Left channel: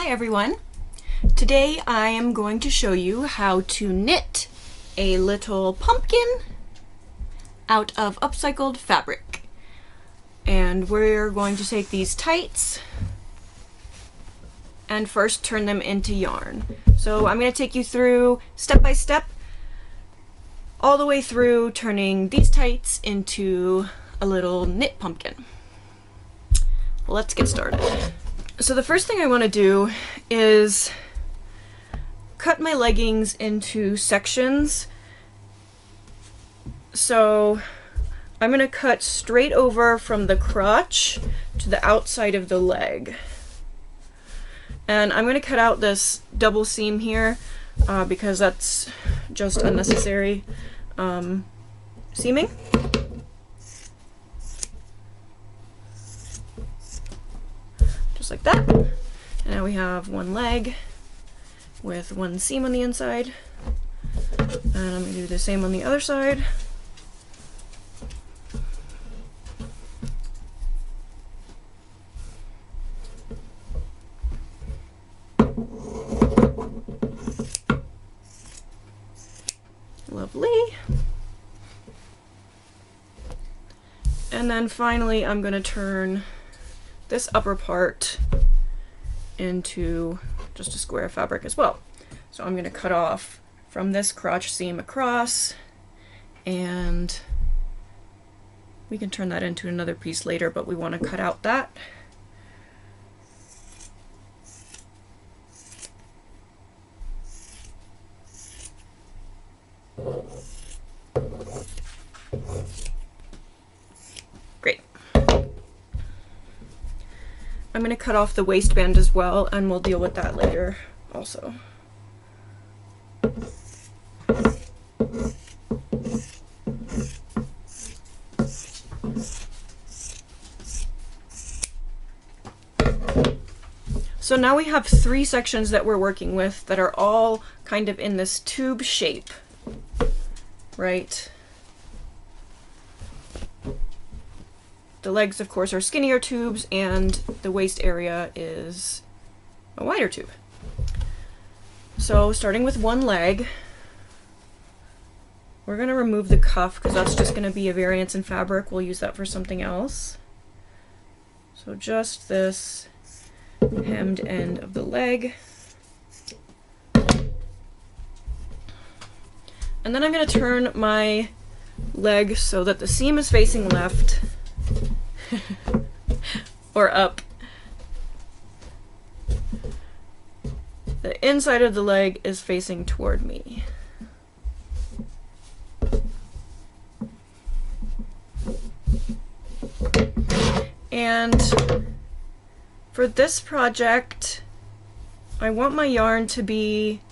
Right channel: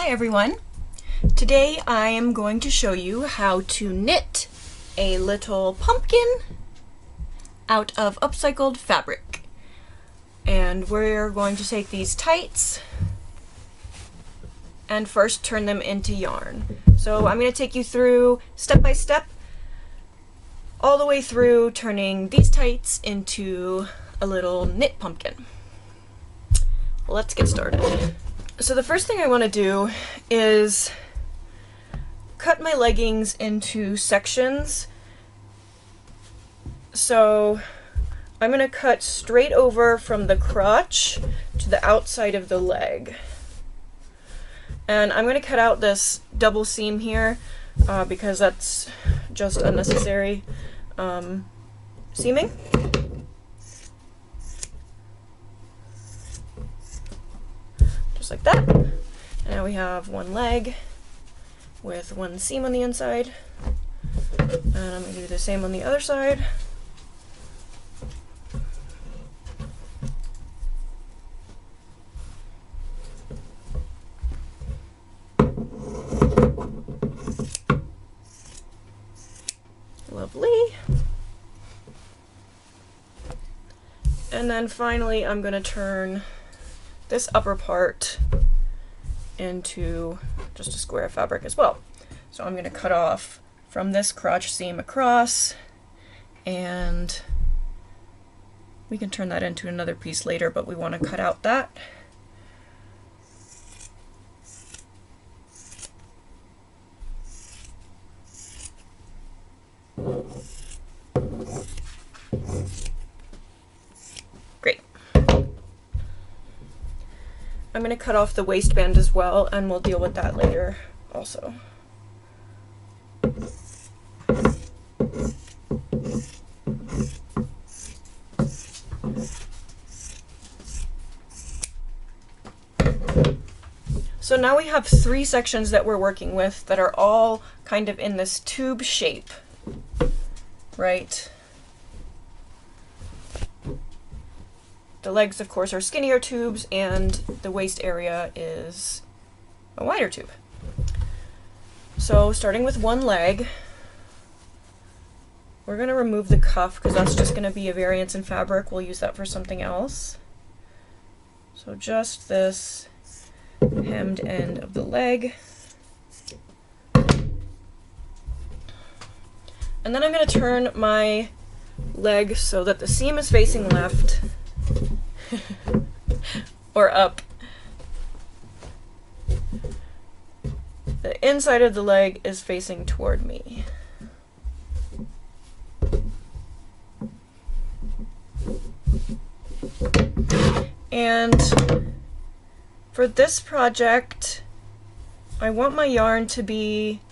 Hi everyone! Today I am going to show you how to knit a little pumpkin out of upcycled fabric. And we're going to take these tights and first turn them into yarn. So I'm going to take you through step by step all the way through turning these tights into a little knit pumpkin. Let's get started. So the first thing I want to do is cut my leggings into sections. So I'm going to cut straight over from the crotch to the outside of the leg. And I'm going to cut out this double seam here because that's just unnecessary seaming. Just like that. And now we have one leg with one seam on the inside. And I'm going to do the same on the other side. Lovely. And then finally I'm going to turn this upper part into just a square of fabric as well. So I'm going to cut off from this crotch seam across, and we can turn that into another piece later, but we want to cut out that. Great. I'm going to cut off the waistband as well, and we'll deal with that later also. So now we have three sections that we're working with that are all kind of in this tube shape, right? The legs, of course, are skinnier tubes, and the waist area is a wider tube. So starting with one leg, we're going to remove the cuff because that's just going to be a variance in fabric. We'll use that for something else. So just this hemmed end of the leg. And then I'm going to turn my leg so that the seam is facing left or up. The inside of the leg is facing toward me. And for this project, I want my yarn to be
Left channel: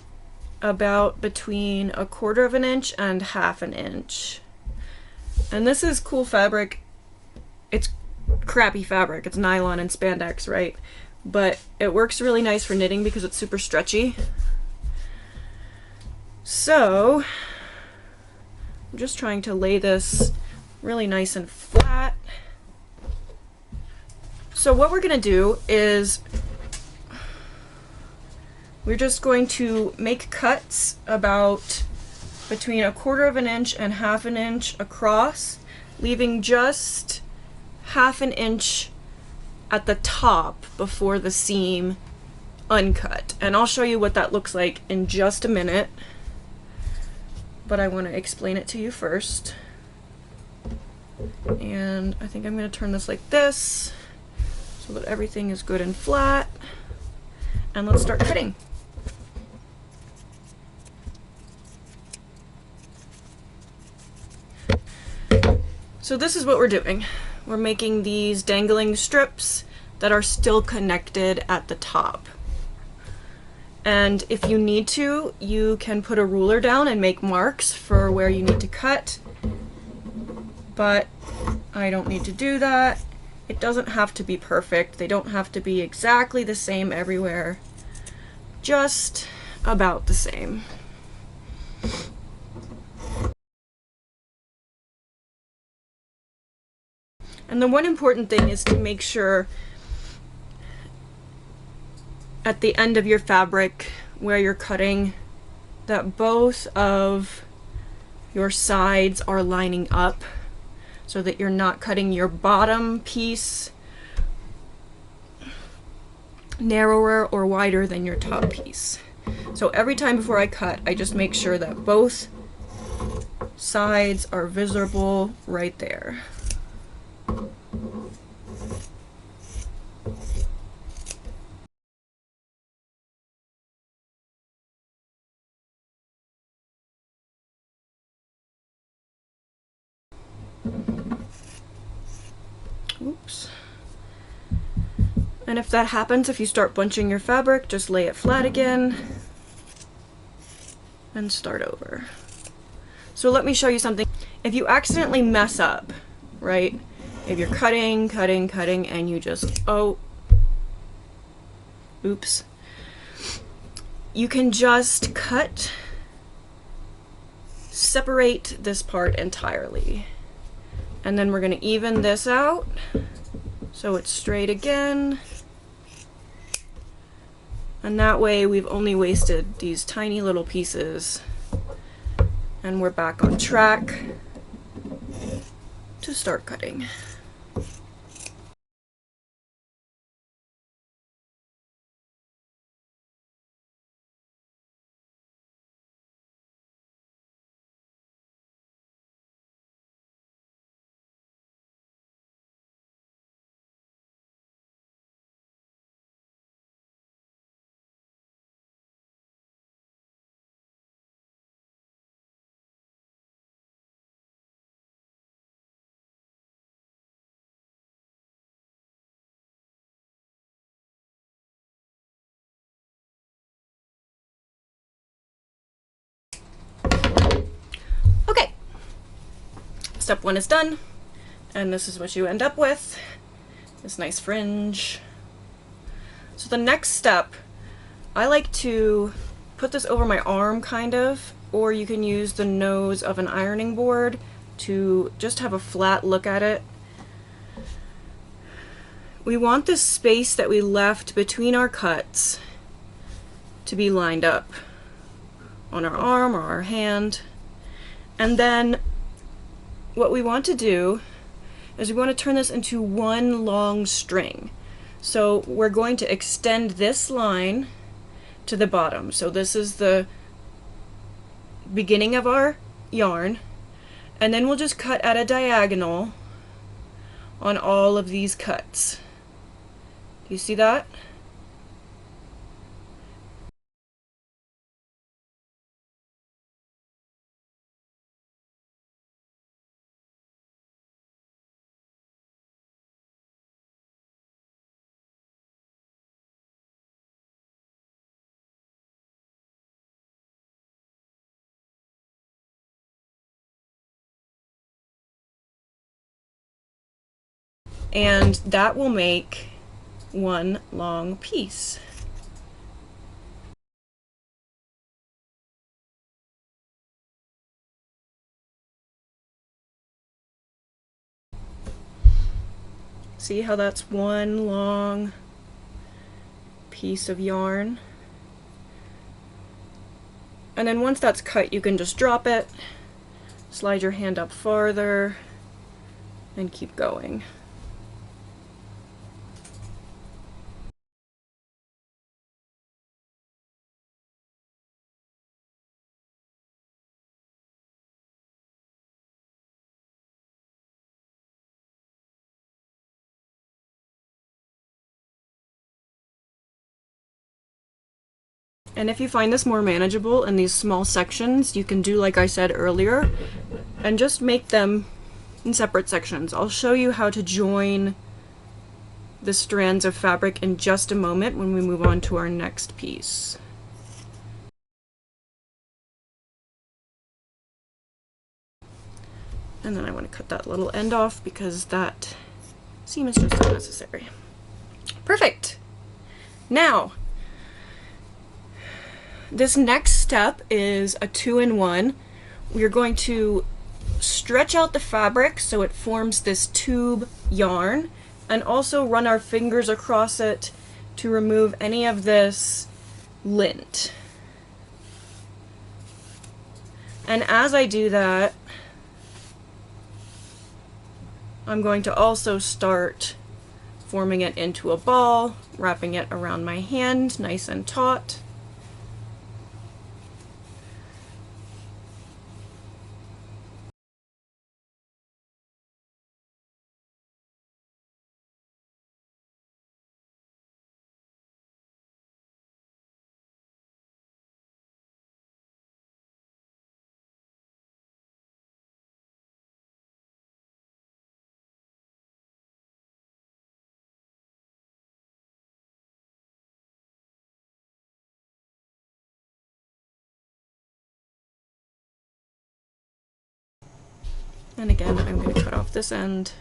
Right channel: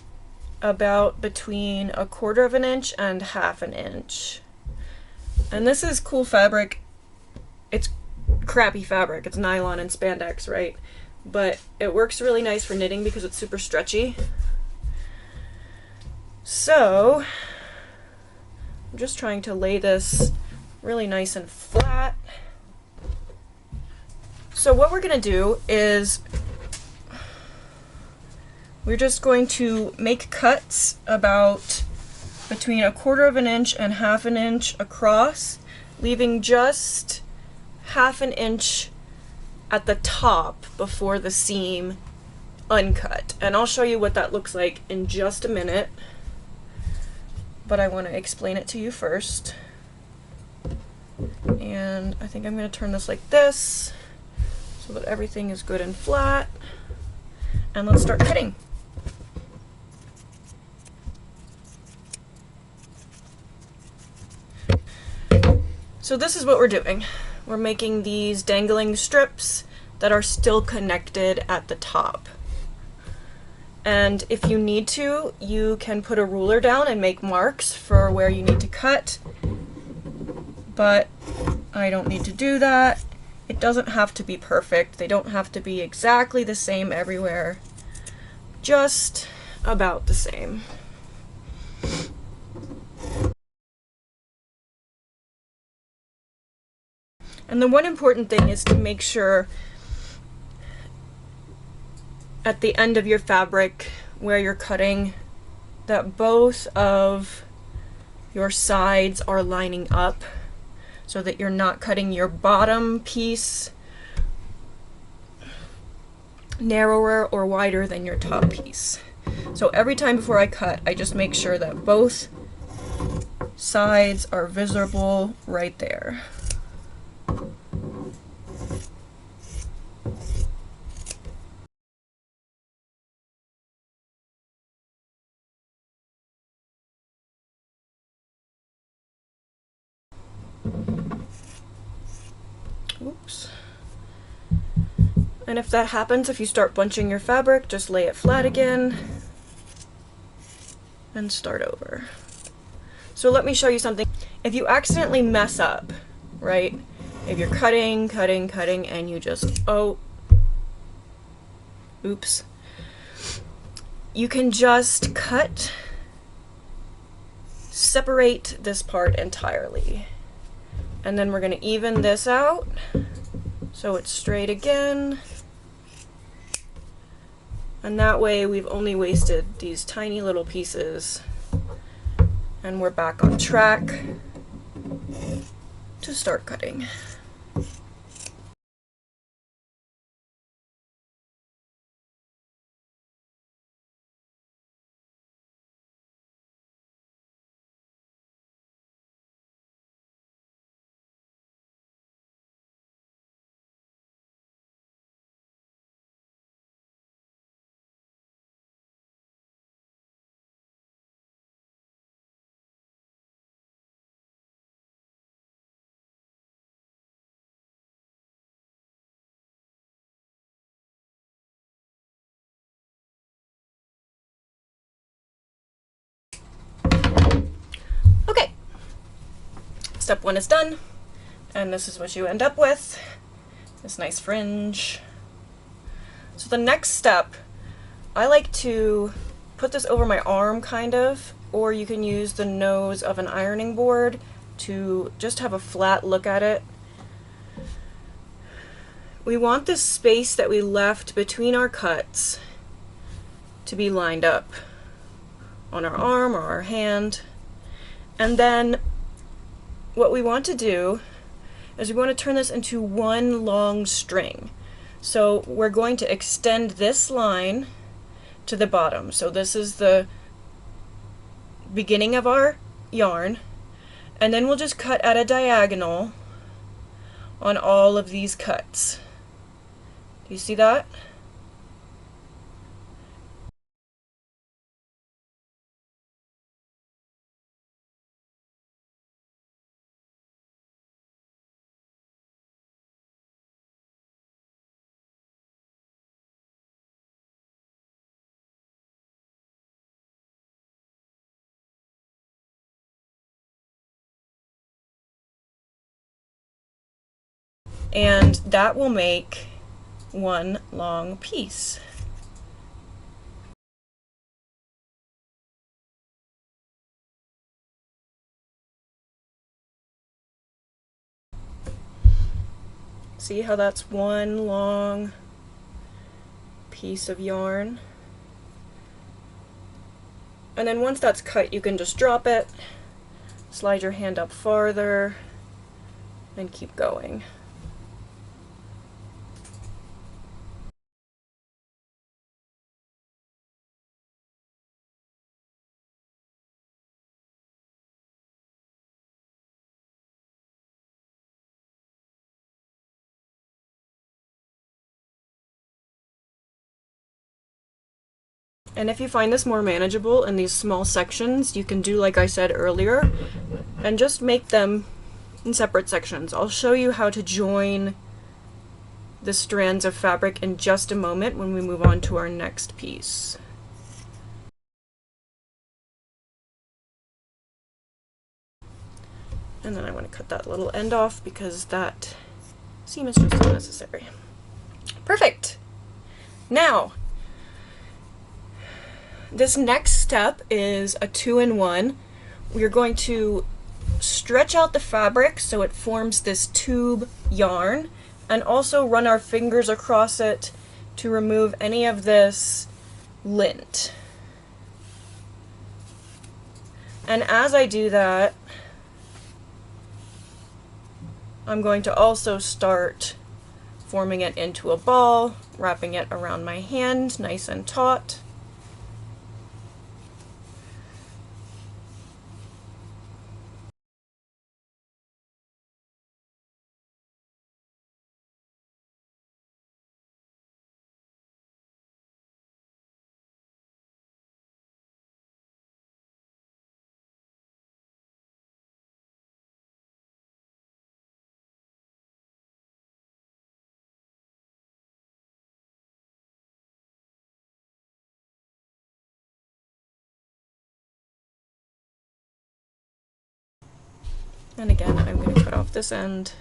about between 1/4 of an inch and 1/2 an inch. And this is cool fabric. It's crappy fabric. It's nylon and spandex, right? But it works really nice for knitting because it's super stretchy. So I'm just trying to lay this really nice and flat. So what we're going to do is we're just going to make cuts about between 1/4 of an inch and 1/2 an inch across, leaving just 1/2 an inch at the top before the seam uncut. And I'll show you what that looks like in just a minute, but I want to explain it to you first. And I think I'm going to turn this like this so that everything is good and flat. And let's start cutting. So this is what we're doing. We're making these dangling strips that are still connected at the top. And if you need to, you can put a ruler down and make marks for where you need to cut. But I don't need to do that. It doesn't have to be perfect. They don't have to be exactly the same everywhere. Just about the same. And the one important thing is to make sure at the end of your fabric where you're cutting that both of your sides are lining up so that you're not cutting your bottom piece narrower or wider than your top piece. So every time before I cut, I just make sure that both sides are visible right there. Oops. And if that happens, if you start bunching your fabric, just lay it flat again and start over. So let me show you something. If you accidentally mess up, right? If you're cutting, and you just, oh, oops. You can just cut, separate this part entirely. And then we're gonna even this out so it's straight again. And that way we've only wasted these tiny little pieces and we're back on track to start cutting. Okay, step one is done, and this is what you end up with, this nice fringe. So the next step, I like to put this over my arm kind of, or you can use the nose of an ironing board to just have a flat look at it. We want this space that we left between our cuts to be lined up on our arm or our hand. And then what we want to do is we want to turn this into one long string. So we're going to extend this line to the bottom. So this is the beginning of our yarn, and then we'll just cut at a diagonal on all of these cuts. Do you see that? And that will make one long piece. See how that's one long piece of yarn? And then once that's cut, you can just drop it, slide your hand up farther, and keep going. And if you find this more manageable in these small sections, you can do like I said earlier, and just make them in separate sections. I'll show you how to join the strands of fabric in just a moment when we move on to our next piece. And then I want to cut that little end off because that seam is just unnecessary. Perfect! Now, this next step is a 2-in-1. We're going to stretch out the fabric so it forms this tube yarn, and also run our fingers across it to remove any of this lint. And as I do that, I'm going to also start forming it into a ball, wrapping it around my hand nice and taut. And again, I'm going to cut off this end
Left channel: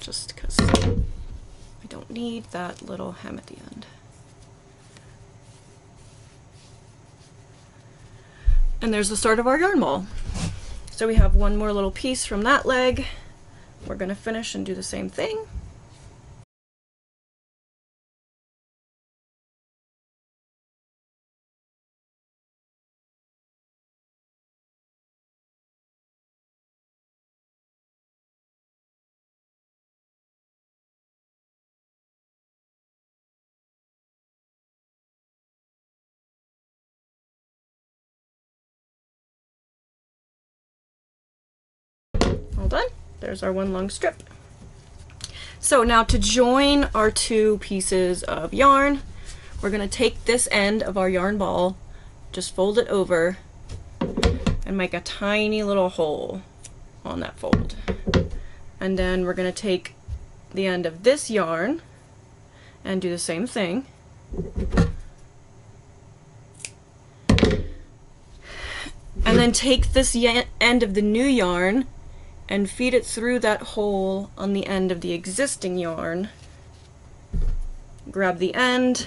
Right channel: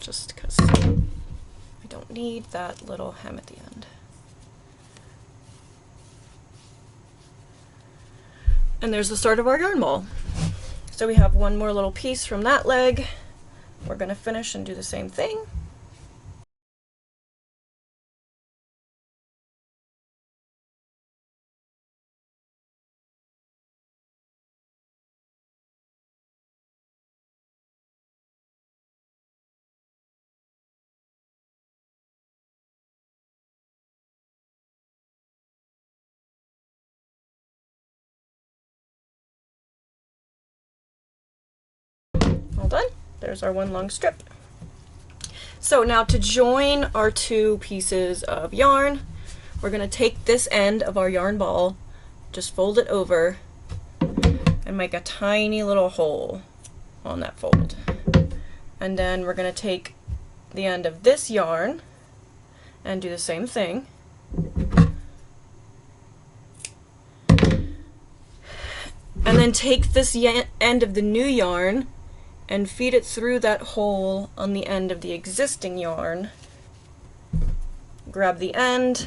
just because I don't need that little hem at the end. And there's the start of our yarn ball. So we have one more little piece from that leg. We're going to finish and do the same thing. All done. There's our one long strip. So now to join our two pieces of yarn, we're going to take this end of our yarn ball, just fold it over, and make a tiny little hole on that fold. And then we're going to take the end of this yarn and do the same thing. And then take this end of the new yarn and feed it through that hole on the end of the existing yarn. Grab the end,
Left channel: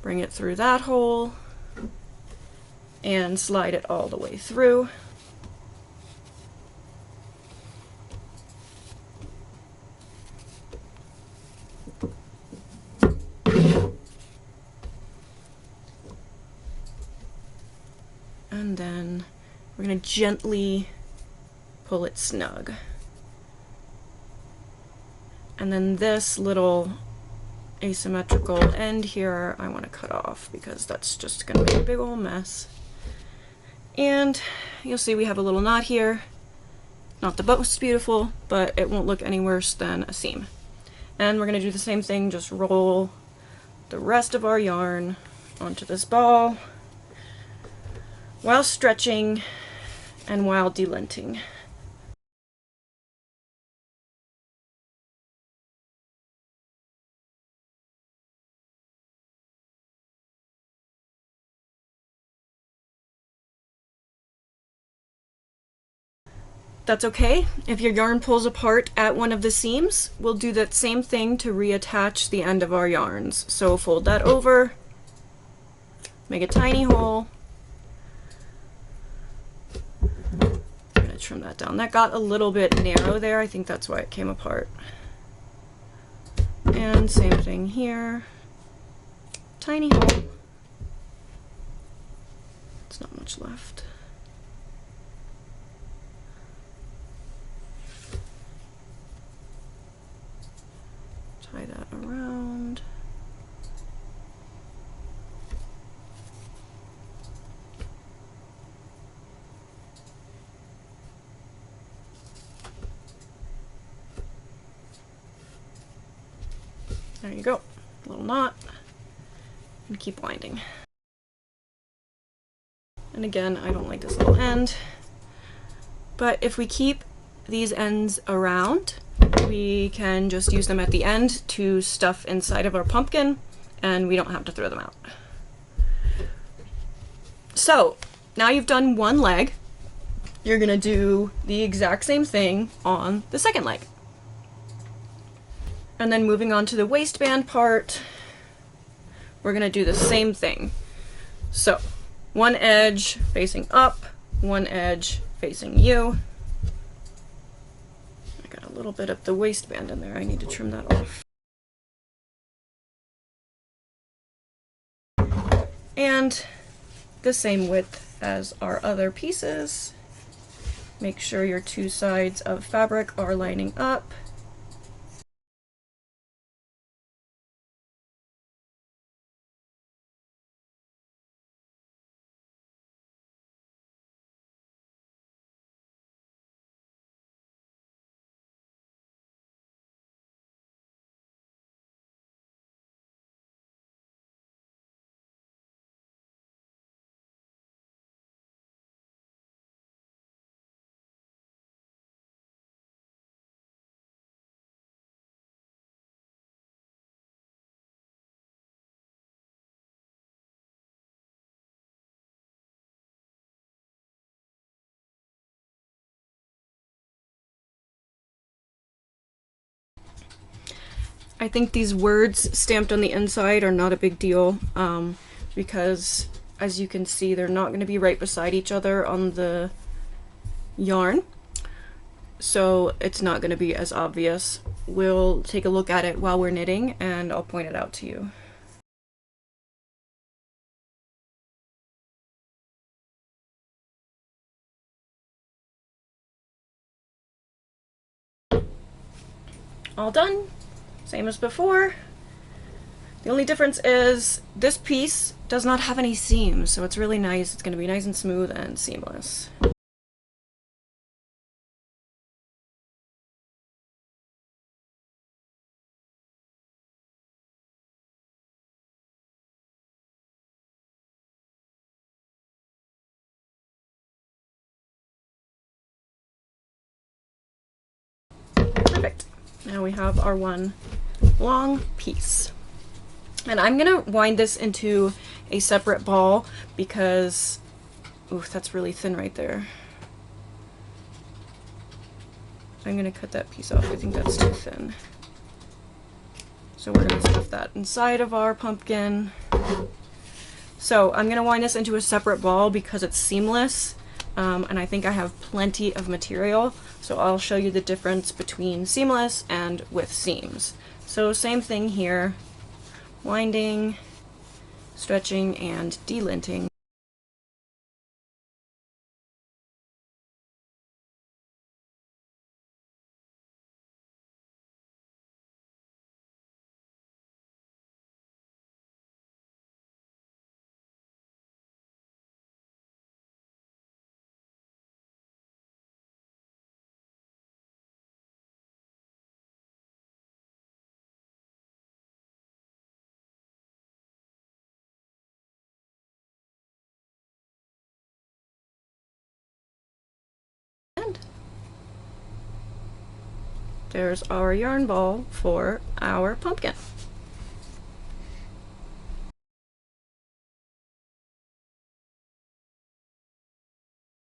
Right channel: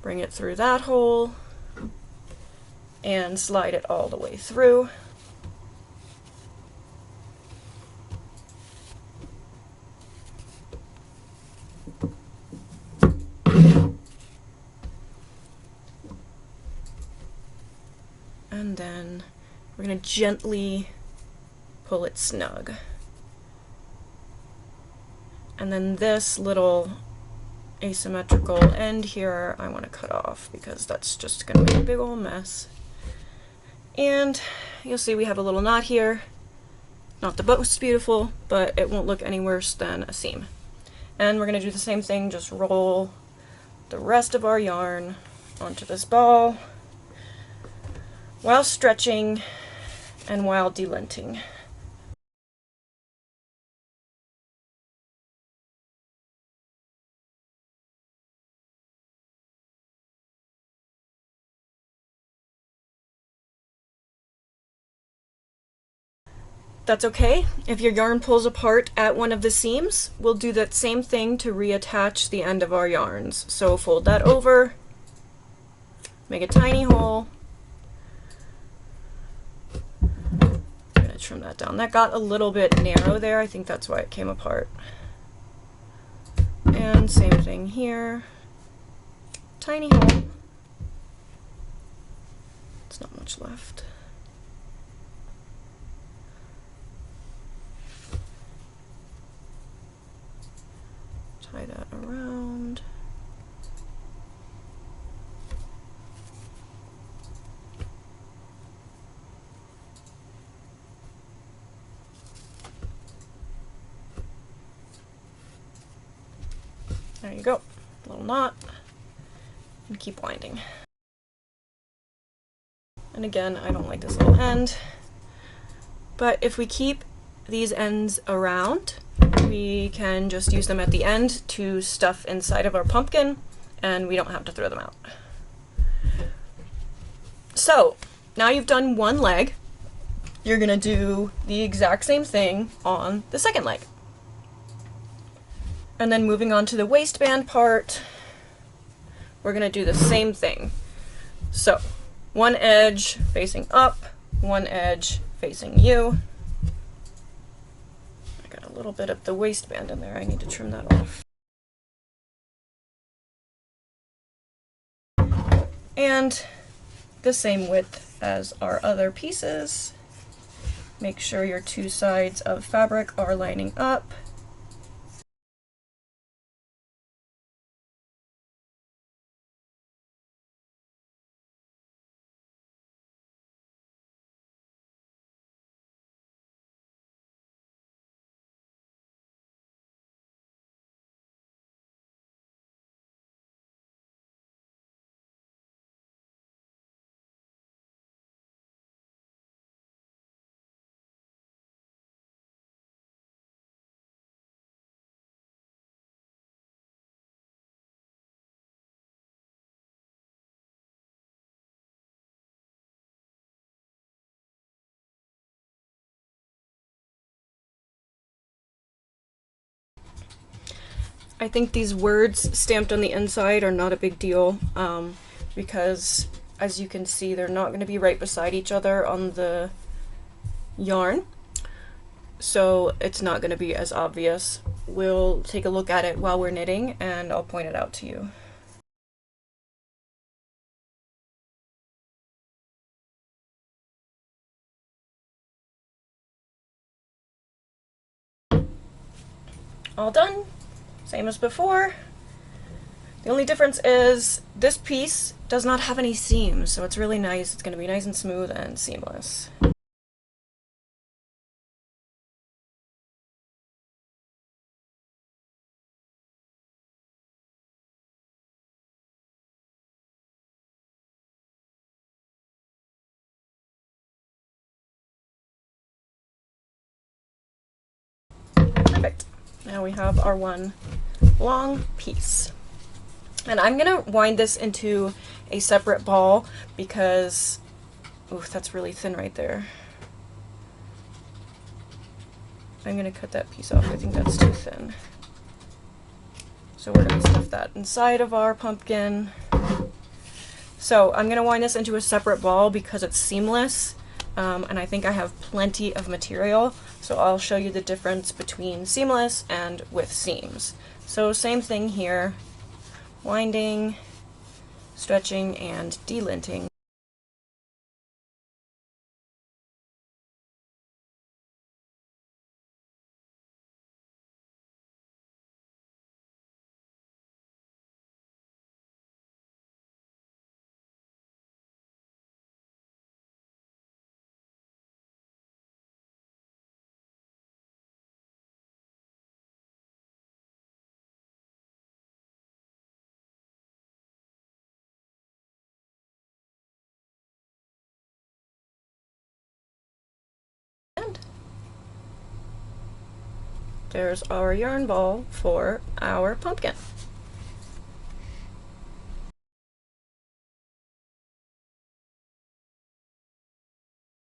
bring it through that hole, and slide it all the way through. And then we're going to gently pull it snug. And then this little asymmetrical end here I want to cut off because that's just going to make a big old mess. And you'll see we have a little knot here. Not the most beautiful, but it won't look any worse than a seam. And we're going to do the same thing, just roll the rest of our yarn onto this ball while stretching and while delinting. That's okay. If your yarn pulls apart at one of the seams, we'll do that same thing to reattach the end of our yarns. So fold that over, make a tiny hole. I'm gonna trim that down. That got a little bit narrow there. I think that's why it came apart. And same thing here. Tiny hole. It's not much left. Tie that around. There you go, little knot, and keep winding. And again, I don't like this little end, but if we keep these ends around, we can just use them at the end to stuff inside of our pumpkin, and we don't have to throw them out. So now you've done one leg, you're gonna do the exact same thing on the second leg. And then moving on to the waistband part, we're gonna do the same thing. So one edge facing up, one edge facing you. I got a little bit of the waistband in there, I need to trim that off. And the same width as our other pieces. Make sure your two sides of fabric are lining up. I think these words stamped on the inside are not a big deal, because as you can see, they're not going to be right beside each other on the yarn, so it's not going to be as obvious. We'll take a look at it while we're knitting and I'll point it out to you. All done, same as before. The only difference is this piece does not have any seams, so it's really nice. It's going to be nice and smooth and seamless. Perfect. Now we have our one long piece. And I'm gonna wind this into a separate ball because, oof, that's really thin right there. I'm gonna cut that piece off. I think that's too thin. So we're gonna stuff that inside of our pumpkin. So I'm gonna wind this into a separate ball because it's seamless, and I think I have plenty of material. So I'll show you the difference between seamless and with seams. So same thing here. Winding, stretching, and delinting. And there's our yarn ball for our pumpkin.